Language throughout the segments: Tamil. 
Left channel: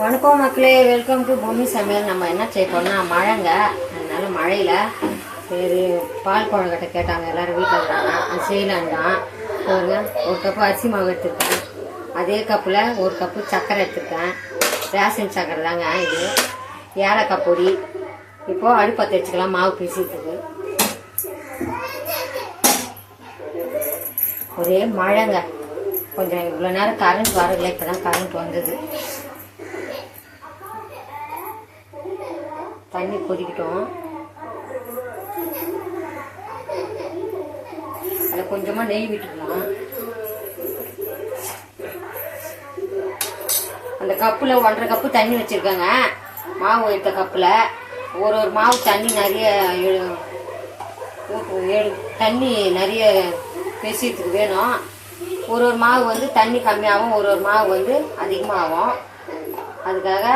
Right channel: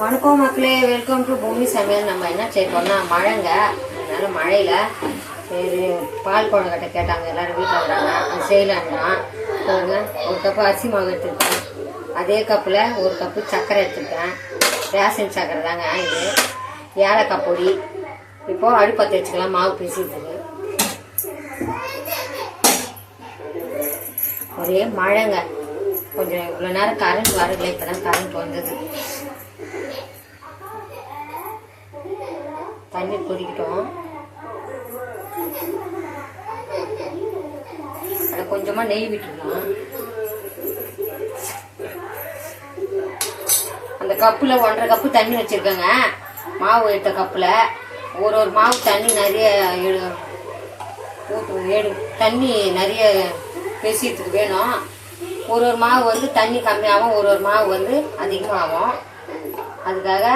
வணக்கம் மக்களே, வெல்கம் டு பூமி சமையல். நம்ம என்ன செய்யணும்னா மழைங்க, அதனால மழையில் சரி பால் குழம்பு கேட்டாங்க எல்லாரும் வீட்டில் இருக்கிறாங்க, அது செய்யலான்னா ஒரு கப்பு அரிசி மாவு எடுத்துருக்கேன். அதே கப்பில் ஒரு கப்பு சர்க்கரை எடுத்துருக்கேன். ரேஷன் சர்க்கரை தாங்க இது. ஏலக்காய் பொடி. இப்போது அடுப்பத்தை வச்சுக்கலாம் மாவு பிசிறதுக்கு. ஒரே மழைங்க, கொஞ்சம் இவ்வளோ நேரம் கரண்ட் வரல, இப்போ தான் கரண்ட் வந்தது. தண்ணி கொதிக்கிட்டோம். அதை கொஞ்சமா நெய் விட்டுக்கலாம். அந்த கப்புல 1.5 கப்பு தண்ணி வச்சிருக்கேங்க. மாவு எடுத்த கப்புல ஒரு மாவு தண்ணி நிறைய தண்ணி நிறைய பெசியத்துக்கு வேணும். ஒரு மாவு வந்து தண்ணி கம்மியாகும், ஒரு மாவு வந்து அதிகமாகும். அதுக்காக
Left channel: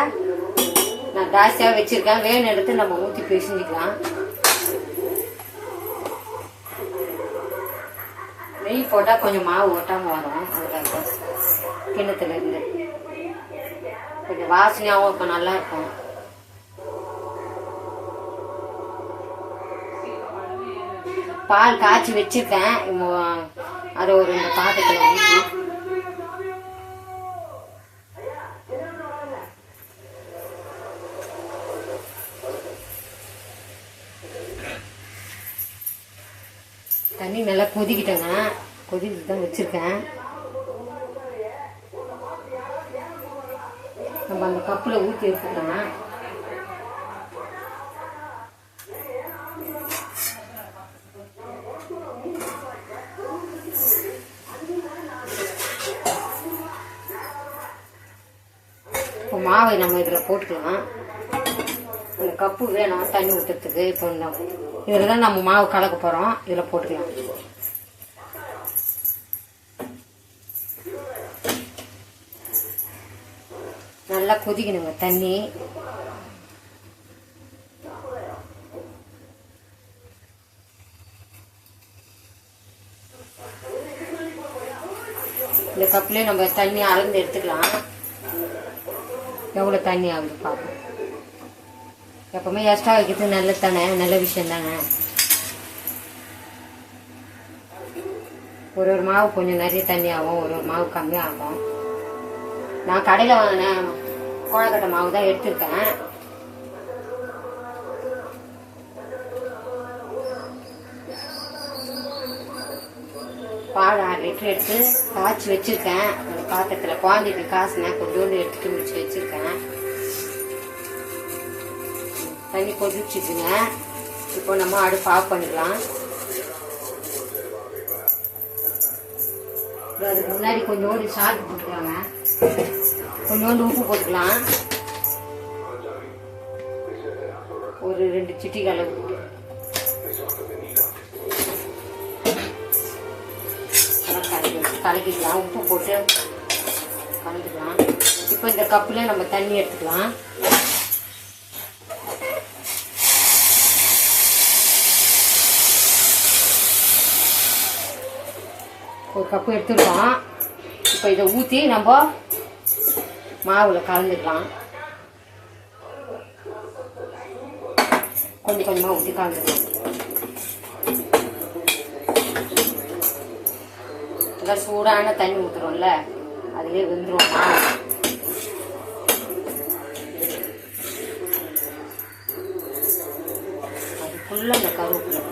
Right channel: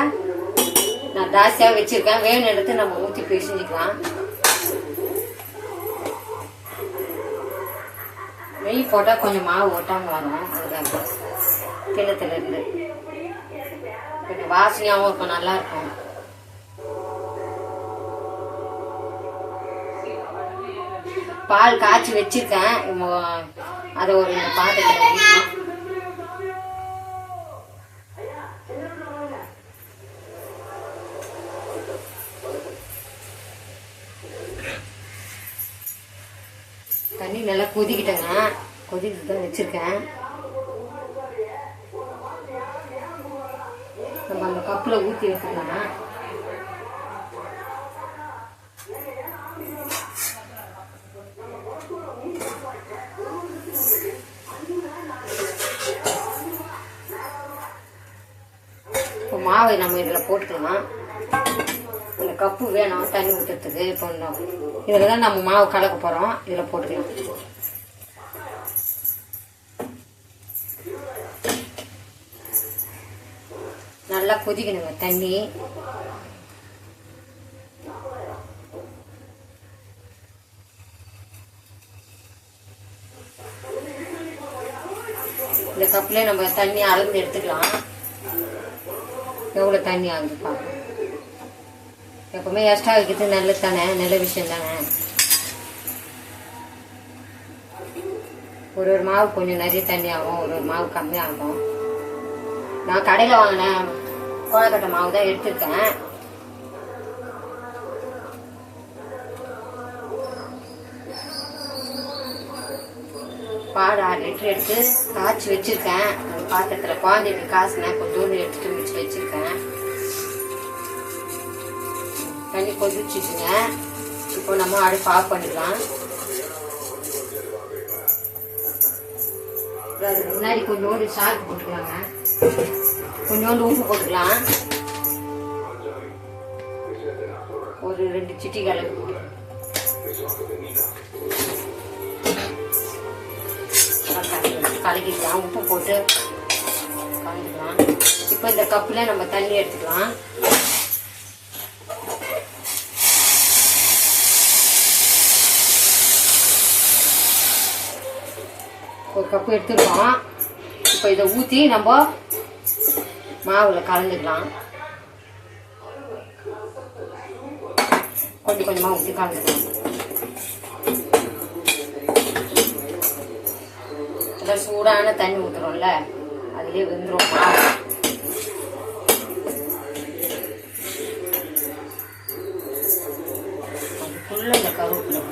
நான் ஜாஸ்தியாக வச்சிருக்கேன். வேணும் எடுத்து நம்ம ஊற்றி பிசைஞ்சிக்கலாம். நெய் போட்டால் கொஞ்சம் மாவு ஓட்டாமல் வரும். அதுக்காக கிண்ணத்தில் இருக்குது. கொஞ்சம் வாசனையாகவும் இருக்கும், நல்லா இருக்கும். பால் காய்ச்சி வச்சிருக்கேன். அதை ஒரு 2 பாத்திரத்தில் ஊற்றி தண்ணி நல்லா கொதிக்கிட்டேங்க. கொதிக்கிட்டு தான் வச்சிருக்கேன். நம்ம அந்த கப்புல ஊற்றி எடுத்துக்கலாம். இப்போ மாவை நம்ம இதில் போட்டுக்கலாம். அந்த கப்பு வேணும் தண்ணி ஊற்றுறதுக்கு. இப்போ இதில் தான் நம்ம மாவு கலக்க போகிறோம். இதில் போட்டுக்கலாம். நல்லா கொதிக்கணுங்க தண்ணி. இந்த கப்புலேயே நம்ம தண்ணி அளந்து எடுத்துக்கலாம். எவ்வளோ தண்ணி ஆகுது பார்க்கலாம். எப்பவுமே எக்ஸ்ட்ரா வைக்கிறது நல்லது தானே, நல்ல விஷயம் தானே. ஒரு மாவு கொஞ்சம் நிறைய தண்ணி ஆகும், ஒரு மாவு கம்மியாகும். நான் கடையில் வாங்கினேன் கோலக்கட்டை மாவு தான் எடுத்துருக்கேன். பால் 6 லிட்டர் எடுத்து காய்ச்சி வச்சிருக்கேன். அந்த பாத்திரத்தில் குழந்தைக்கு காசுனேன், கொஞ்சோண்டு எடுத்துட்டு முடிச்சு வச்சிருக்கேன். தண்ணி கொதிச்சுட்டுங்க. இப்போ நம்ம அடுப்பு ஆஃப் பண்ணிக்கலாம். அதுக்கு முன்னாடி கொஞ்சோண்டு சால்ட் போட்டுக்கலாங்க, கொஞ்சோண்டு உப்பு போட்டுக்கலாம். ஒரு 2 சிட்டி கலக்கிக்கலாம். உப்பு போட்டு கலந்துக்கலாம். இப்போ இந்த கப்புல நம்ம தண்ணி எடுத்துக்கலாம். ஒரு கப்பு எடுத்துருக்கோம். இப்போ இதை ஊற்றி நம்ம மாவுல கலந்துக்கலாம். கொஞ்சம் கொஞ்சமாக ஊற்றி கலந்துக்கலாம். இதில் சூடான தண்ணி ஊற்றுறோம்ல, அதுலேயே வெந்துடும். அது ஃபுல்லாக இந்த கருவேப்பிலை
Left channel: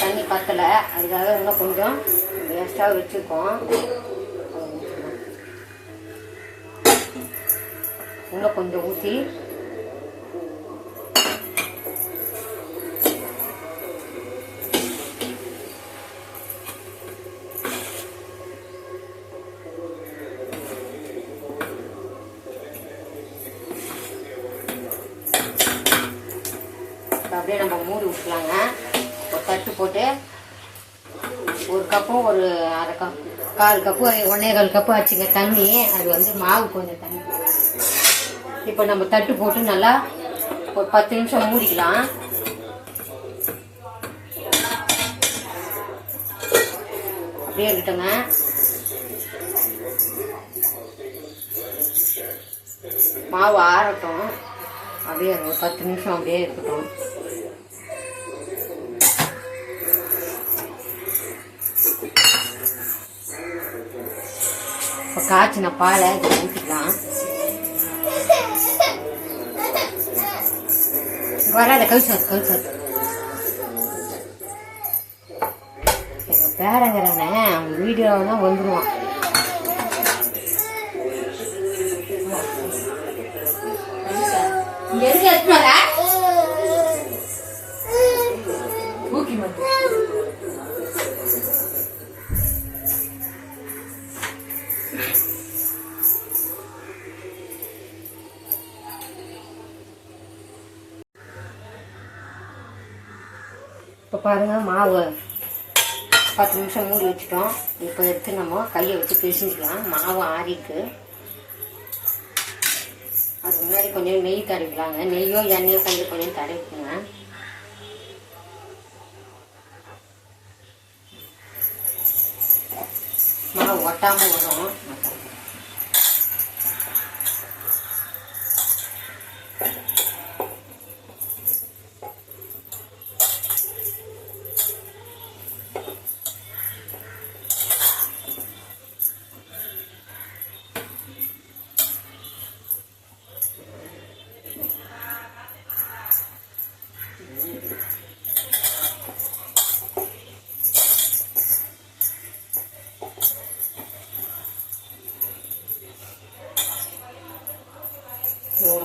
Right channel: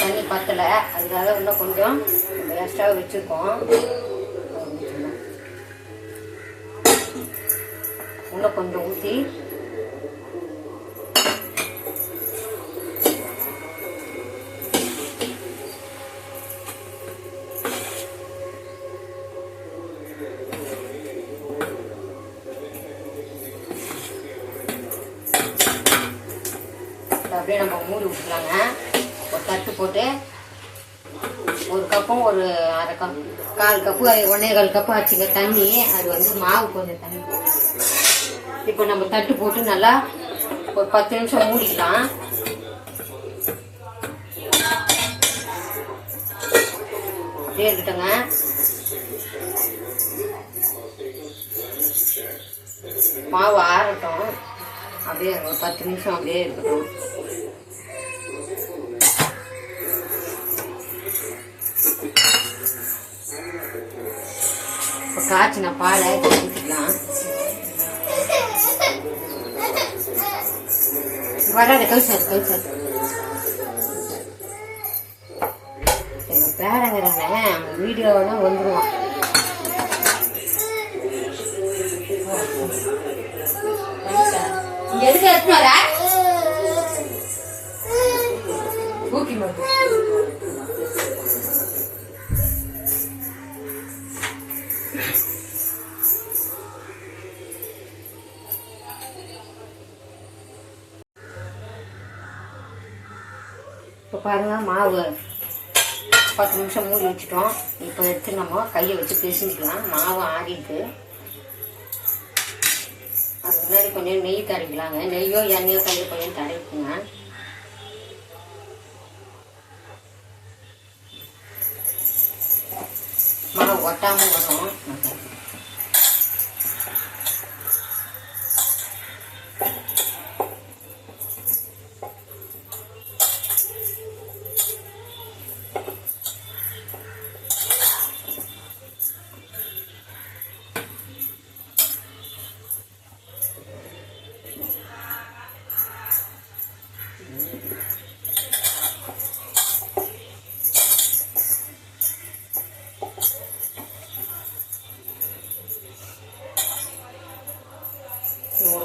தண்ணி பத்தல, அதுக்காக இன்னும் கொஞ்சம் எக்ஸ்ட்ரா வச்சுருக்கோம். இன்னும் கொஞ்சம் ஊற்றி அப்படியே நம்ம மூடி விட்டுக்கலாங்க. ஒரு தட்டு போட்டு ஒரு கப்பும் ஒரு அரை கப் 1/4 கப்பு 1.25 கப்பு ஆச்சுங்க தண்ணி. அது வந்து மாவு கொஞ்சம் தண்ணி. இப்போ நம்ம தட்டு போட்டு நல்லா ஒரு 10 நிமிஷம் மூடிக்கலாம். அப்படியே இருக்கட்டுங்க. மாவு ஆறட்டும், அப்படியே ஒரு 10 நிமிஷம் அப்படியே இருக்கட்டும். இப்போ காய்ச்சின பாலை ஊற்றிக்கலாம். வராத கல்சார் எங்கள் பேரங்கிறாங்க, அவங்க வீடியோவில் தான் வந்துடுவான். இங்க எதுக்கு எடுத்துனாரா ஊக்கி மட்டும் இப்போ பாருங்க, மாவு 10 நிமிஷம் மூடி வச்சுட்டோம். இப்போ எடுத்து நம்ம கையை வச்சு பிசைஞ்சிக்கலாம். மாவு ஆறிட்டு அதுக்கு முன்னாடி கொஞ்சம் நெய் தடவிக்கலாங்க. நெய்யோ எண்ணெயோ கொஞ்சம் கொஞ்சம் தடவிக்குங்க. மாவு ஒட்டாமல் வரும்.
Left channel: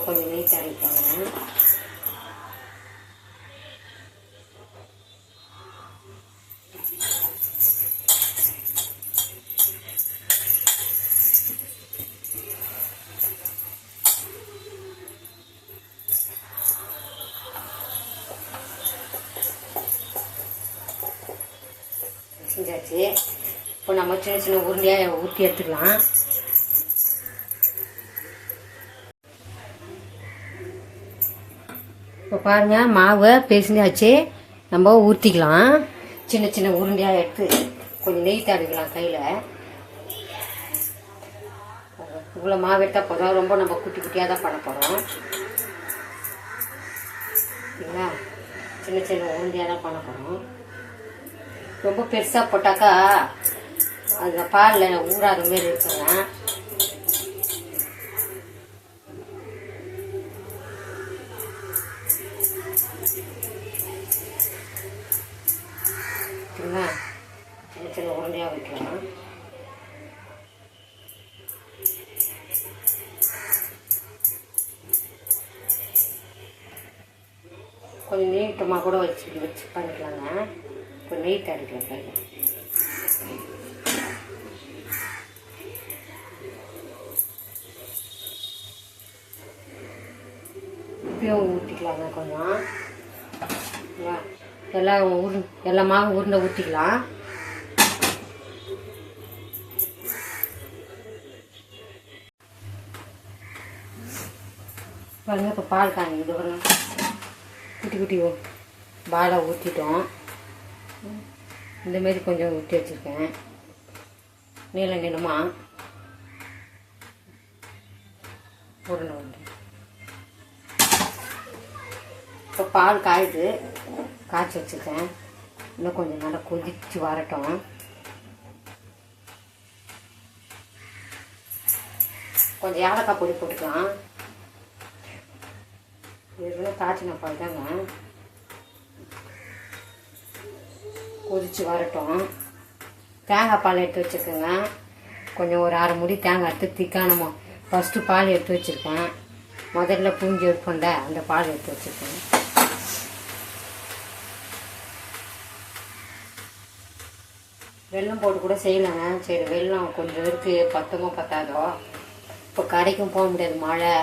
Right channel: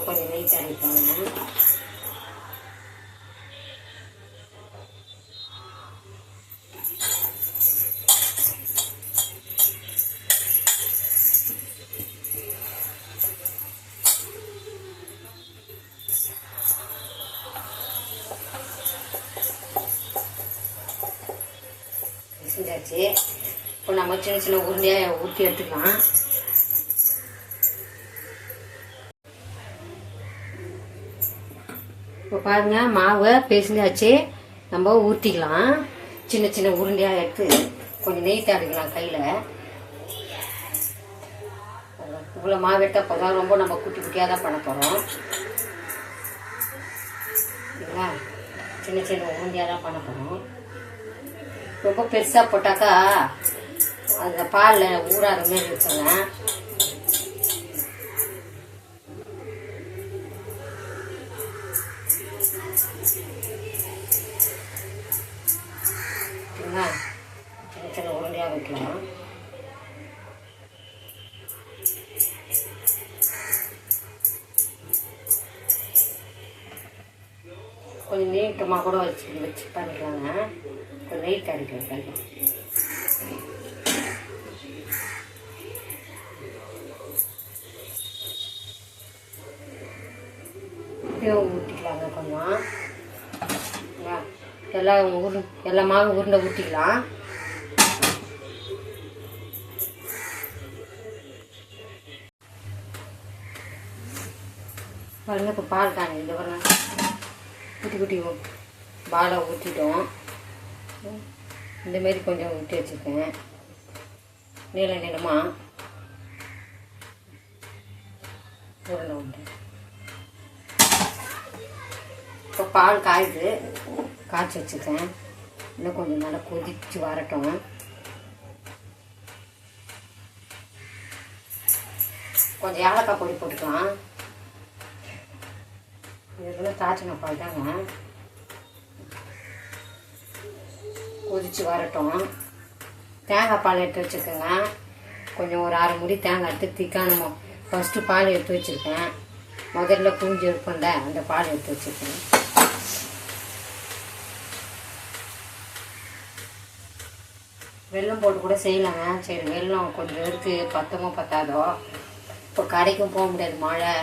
கொஞ்சம் நெய் தடவிக்கோங்க. செஞ்சாச்சு. இப்போ நம்ம சின்ன சின்ன உருண்டையாக ஊற்றி எடுத்துக்கலாம். இப்போ பாருங்க, மாவை பேசினாச்சு. நம்ம ஊற்றிக்கலாம். சின்ன சின்ன உருண்டையாக எடுத்து கொஞ்சம் நெய் தடவிக்கலாம் கையில். இவ்வளோ மாவு எடுத்தால் போதும். ரொம்ப நம்ம குட்டி குட்டியாக தான் பண்ண போகிறோம். சரிங்களா? சின்ன சின்ன உருண்டையாக தான் பண்ண போகிறோம். ரொம்ப பெருசாக போட்டாக்கா அந்த பாலில் ஊறாத மாரி இருக்குங்க. சரிங்களா? சின்ன சின்ன உருண்டையாக வைக்கலாம். கொஞ்சம் நீட்டமாக கூட வச்சு பண்ணிக்கலாங்க. கொஞ்சம் நெய் தடவிக்கலாம் கையில். இப்பயும் ஊற்றிக்கலாங்க கொஞ்சம். எல்லா மாவு உருண்டை ஊற்றிக்கலாம். பாருங்க, இப்போ பால் தாங்க. இது பாருங்க, குட்டி குட்டி பாலை ஊற்றிட்டோம். இந்தமாரி கொஞ்சம் ஊற்றி வச்சுருக்கேன். நீள நீளமாக உருண்டை உண்டு. இப்போ பால் காய்ச்சி வச்சுருக்கேன். இன்னும் கொஞ்சம் நல்லா கொதிச்சு வரட்டும். கொஞ்சம் ஏலக்காய் பொடி போட்டுக்கலாம். இதெல்லாம் காய்ச்சின பால் தாங்க. கொதிச்சு வரட்டும். தேங்காய் பால் எடுத்து வச்சுருக்கேங்க. கொஞ்சம் ஒரு 1/2 முடி தேங்காய் எடுத்து திக்கானமோ ஃபஸ்ட்டு பால் எடுத்து வச்சுருக்கேன். முதல்ல புரிஞ்சு எடுப்போம்ல, அந்த பால் எடுத்து வச்சுருக்கேன். வெல்லம் போட்டு கூட செய்யலாங்க. சரி, வெல்லம் கொஞ்சம் இருக்குது, பத்தமோ பத்தாதோ. இப்போ கடைக்கும் போக முடியாது, மழை.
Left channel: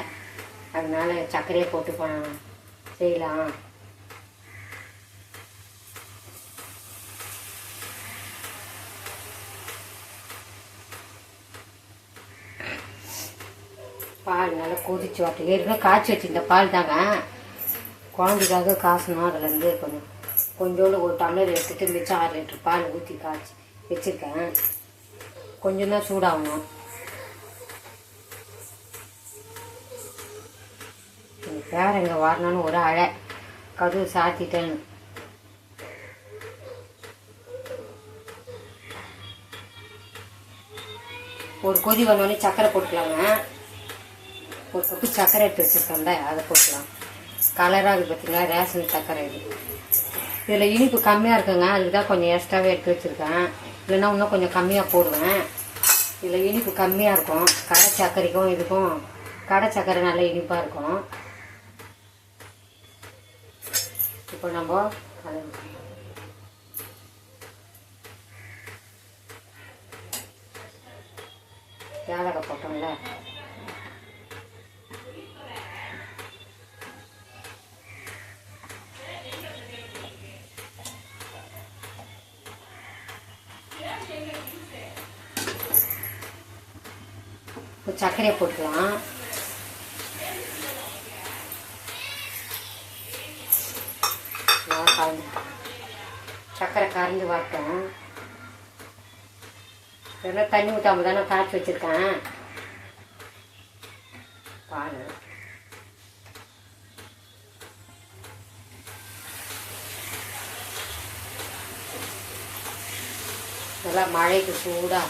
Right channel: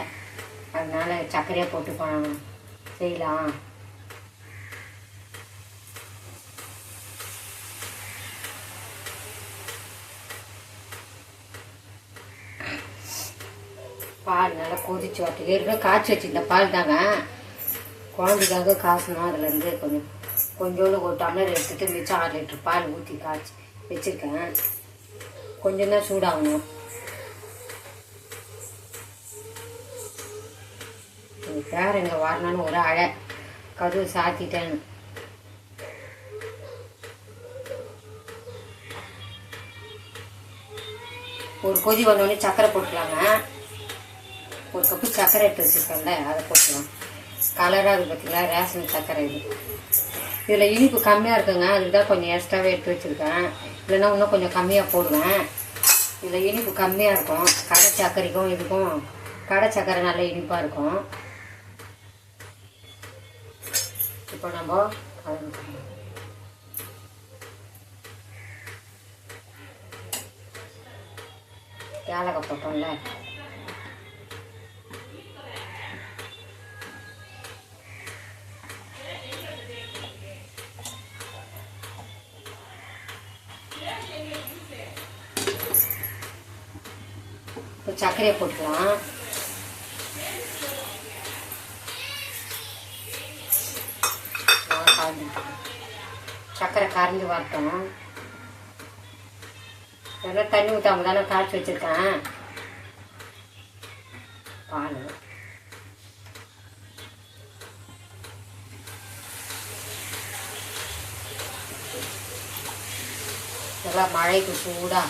அதனால சர்க்கரையை போட்டு செய்யலாம். பால் நல்லா கொதிச்சு வரட்டும். ஏற்கனவே காய்ச்சி வச்சுருந்த பால் தாங்க. குழந்தைக்காக காசணும். அதுலேருந்து கொஞ்சோண்டு ஒரு டம்ளர் எடுத்துட்டு மிச்சம் 6 லிட்டர் பால் ஊற்றி காய்ச்சி வச்சுருக்கேன். கொஞ்சம் தான் சூடாகணும். பேர் எங்கே வரணும்னு ஒரு அழை கதவு சாத்திட்டேன்னு. ஒரு கொதி வந்தோடனே சர்க்கரை போட்டுக்கலாங்க. ஒரு கப்பு சர்க்கரை எடுத்து வச்சுருக்கேன்ல அதை போட்டுக்கலாம். கலராக இருக்குது பார்த்தீங்களா, ரேஷன் சர்க்கரை இது. இதில் இனிப்பு கம்மியாக இருக்குங்க, அதுக்கு தான் கொஞ்சம் எக்ஸ்ட்ராவே எடுத்து வச்சுருக்கேன். இல்லைன்னா இன்னும் கொஞ்சம் கம்மியாக போடுவேன். இதில் இனிப்பு கம்மியாக இருக்கும். கடை சர்க்கரைக்கும் இதுக்கும் கடை சர்க்கரை நல்ல இனிப்பாக இருக்கும். இப்போ நம்ம ஏலக்காய் போட்டோம்ல, இப்போ சர்க்கரையை போட்டுக்கலாம். சர்க்கரை கரைஞ்சி வரட்டும். இதெல்லாம் தண்ணி ஊற்றாம தானே காய்ச்சி வச்சுருக்கேன். பால் இதெல்லாம் மழைக்கு சூடாக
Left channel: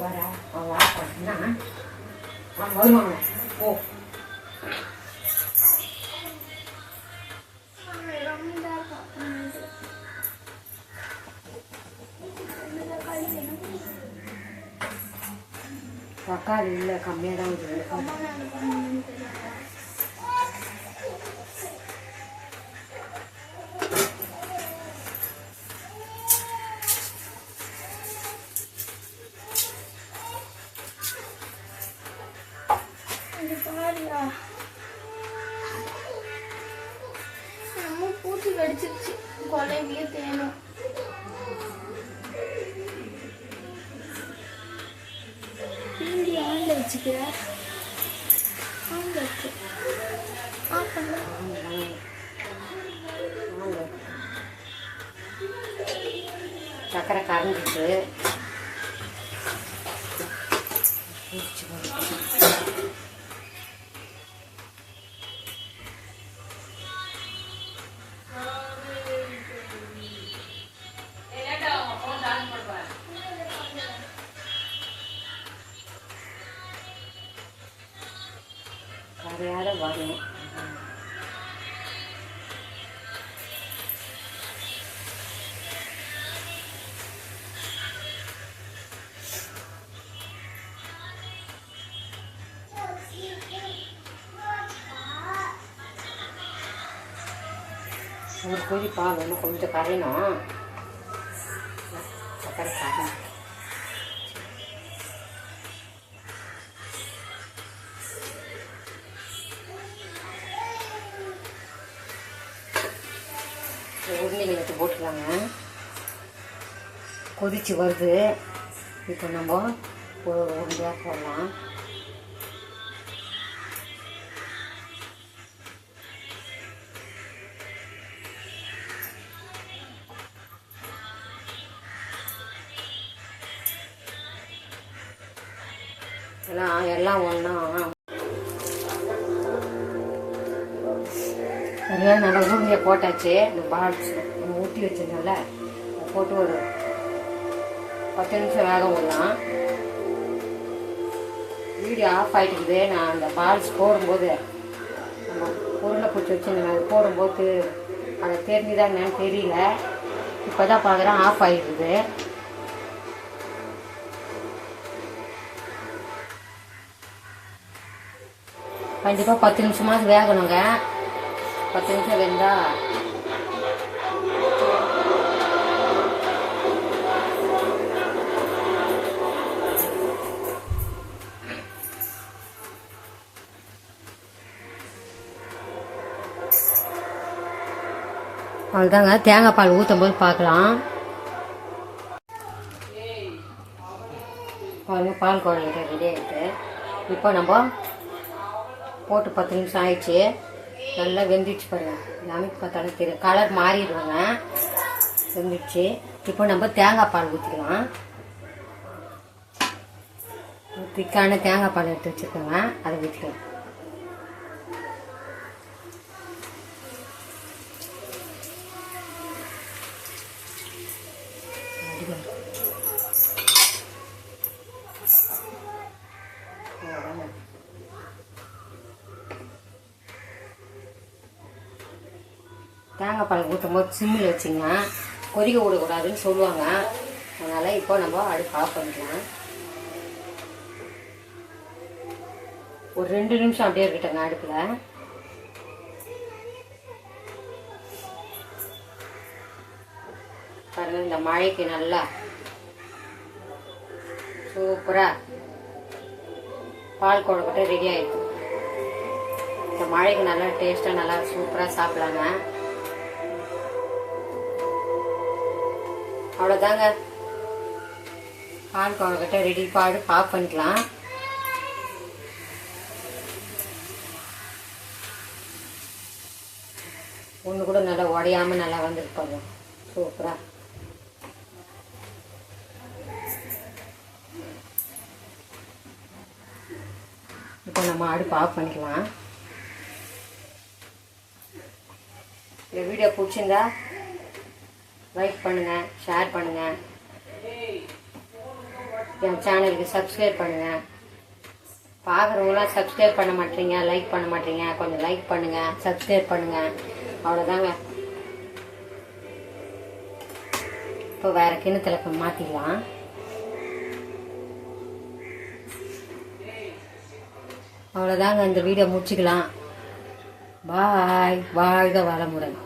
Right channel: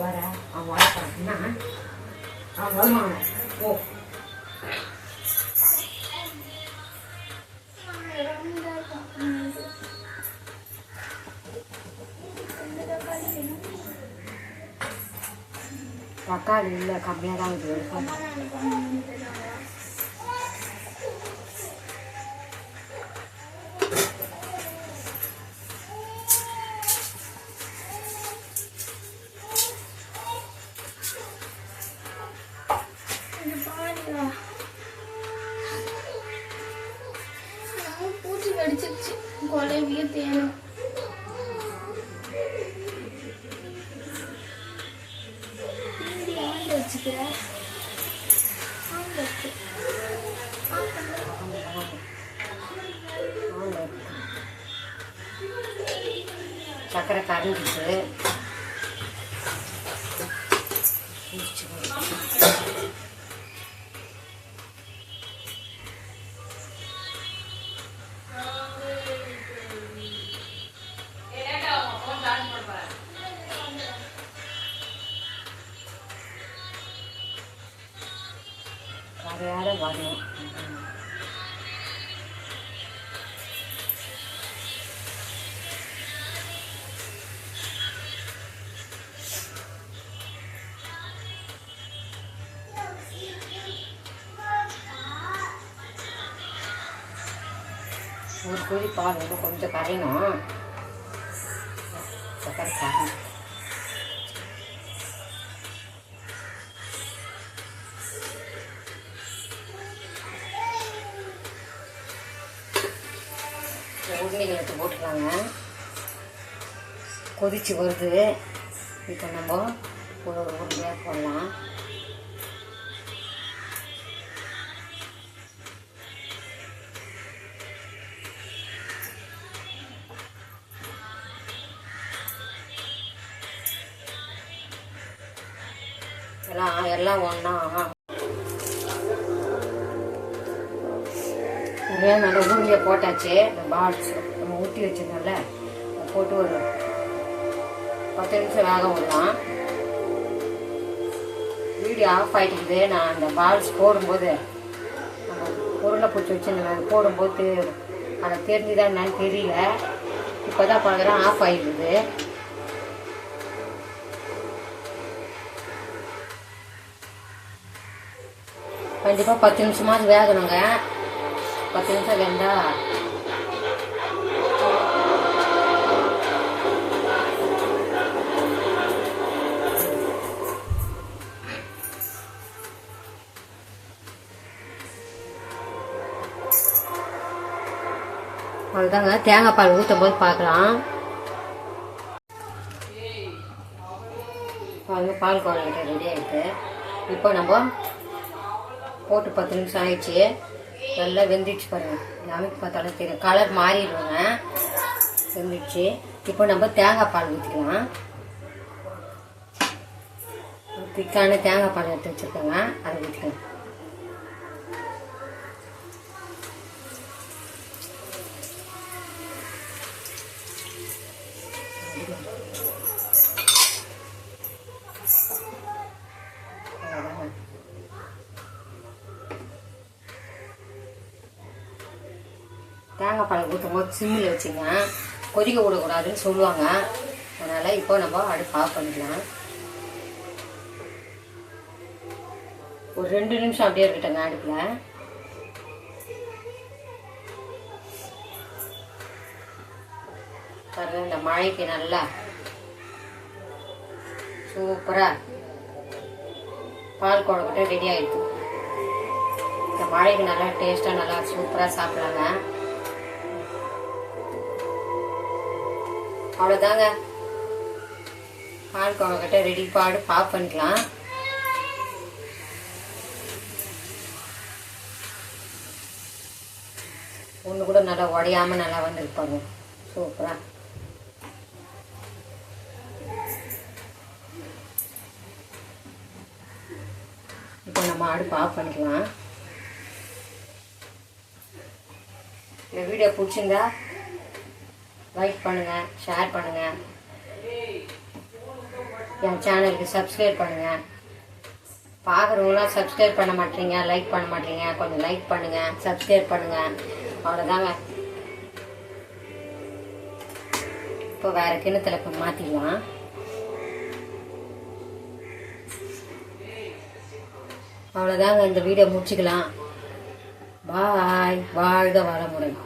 வர அவன் வர ஓ தக்காளி இல்லை, கம்மியாக தான் இருக்குது. பூச்சி கடிச்சிருச்சு, கொலைவியே தேடும். சக்கரை கரைஞ்சிட்டு கரையாட வரும். ஒரு கொதி பால் வந்து கொஞ்சம் கரையணும். சக்கரை கரையும். உருளைகள் எடுத்து போட்டுருவாங்க. கொதிச்சு வருது. இப்போ நம்ம ஒரு உருளையாக போடலாம். எல்லாம் ஒன்றா நிறையா நல்லா ஊறியை போட்டாச்சு. இந்த பால்ஸ் நம்ம ஊற்றி வச்சிருந்தோம்ல, போட்டு ஒரு 10 நிமிஷம் வேக விடலாம். வீடியோ ஆஃப் ஆகிட்டுக்குது. நான் அந்த பால்ஸ் போடும்போது நம்ம உருண்டை பிடிச்சி வச்சுருந்தேன், அது போடும்போது அதை தெரிஞ்சுதான் என்னன்னு தெரியல. இப்போ தான் பார்க்குறேன் ஆஃப் ஆகிடுது. கண்டிப்பாக 10 நிமிஷமாவது வேகணுங்க. 10 நிமிஷம் வெந்தா அதுதாங்க தேங்காய் பால் ஊற்றும் போது பார்க்கலாம். பால் குழம்பு ரெடி ஆகிட்டு இப்போ நம்ம போட்டு 10 நிமிஷம் ஆயிடுச்சு. நல்லா வெந்துடுச்சு பாருங்க. எல்லாமே பார்த்தாலும் தெரியும், கலர் மாறிடுவாங்க. வெந்துடுச்சு. இப்போ நம்ம தேங்காய் பால் ஊற்றிக்கலாம். திக்கான தேங்காய் பால் எடுத்து வச்சுருக்கோங்க, அதை ஊற்றிக்கலாம். தேங்காய் பால் ஊற்றும் போது சிம்மில் வச்சுங்க, கொதிக்க விடக்கூடாதுன்னு சொல்லுவாங்க. அதனால் இப்போ நம்ம அடுப்பு ஆஃப் பண்ணிக்கலாம். ஒரு 2 நிமிஷம் அப்படியே இருக்கட்டங்க அடுப்பில். பாருங்க, இந்த மழைக்கு நல்லா சூப்பராக பால் குழம்பு ரெடி ஆயிடுச்சு. இந்த மழைக்கு நல்லா டேஸ்ட்டாக நல்லா சூப்பராக சாப்பிட்லாங்க. அவ்வளோதாங்க, பால் குழம்புக்கிட்ட ரெடி பாடு ஆஃப் பண்ணிக்கலாம். ஒன்று கூட நல்லா உடையாமல் நல்லா வந்துருப்பாங்க சூப்பராக. இப்போ நம்ம அடுப்பு ஆஃப் பண்ணிக்கலாம். இந்த வீடியோ பிடிச்சிருந்தா லைக் பண்ணுங்கள், ஷேர் பண்ணுங்கள், என் சேனலுக்கு சப்ஸ்கிரைப் பண்ணுங்கள். பார்க்குறவங்களாம் சப்ஸ்கிரைப் பண்ண மாட்டீங்க, லைக் பண்ண மாட்டீங்க. கொஞ்சம் லைக் பண்ணுங்கள், சப்ஸ்கிரைப் பண்ணுங்கள். அவ்வளோதாங்க. இப்போ வேறு கிணத்துல மாற்றிக்கலாம். அவ்வளோதாங்க, இந்த வீடியோ முடிச்சுக்கலாம். பாய். வாழ்க வளமுடன்.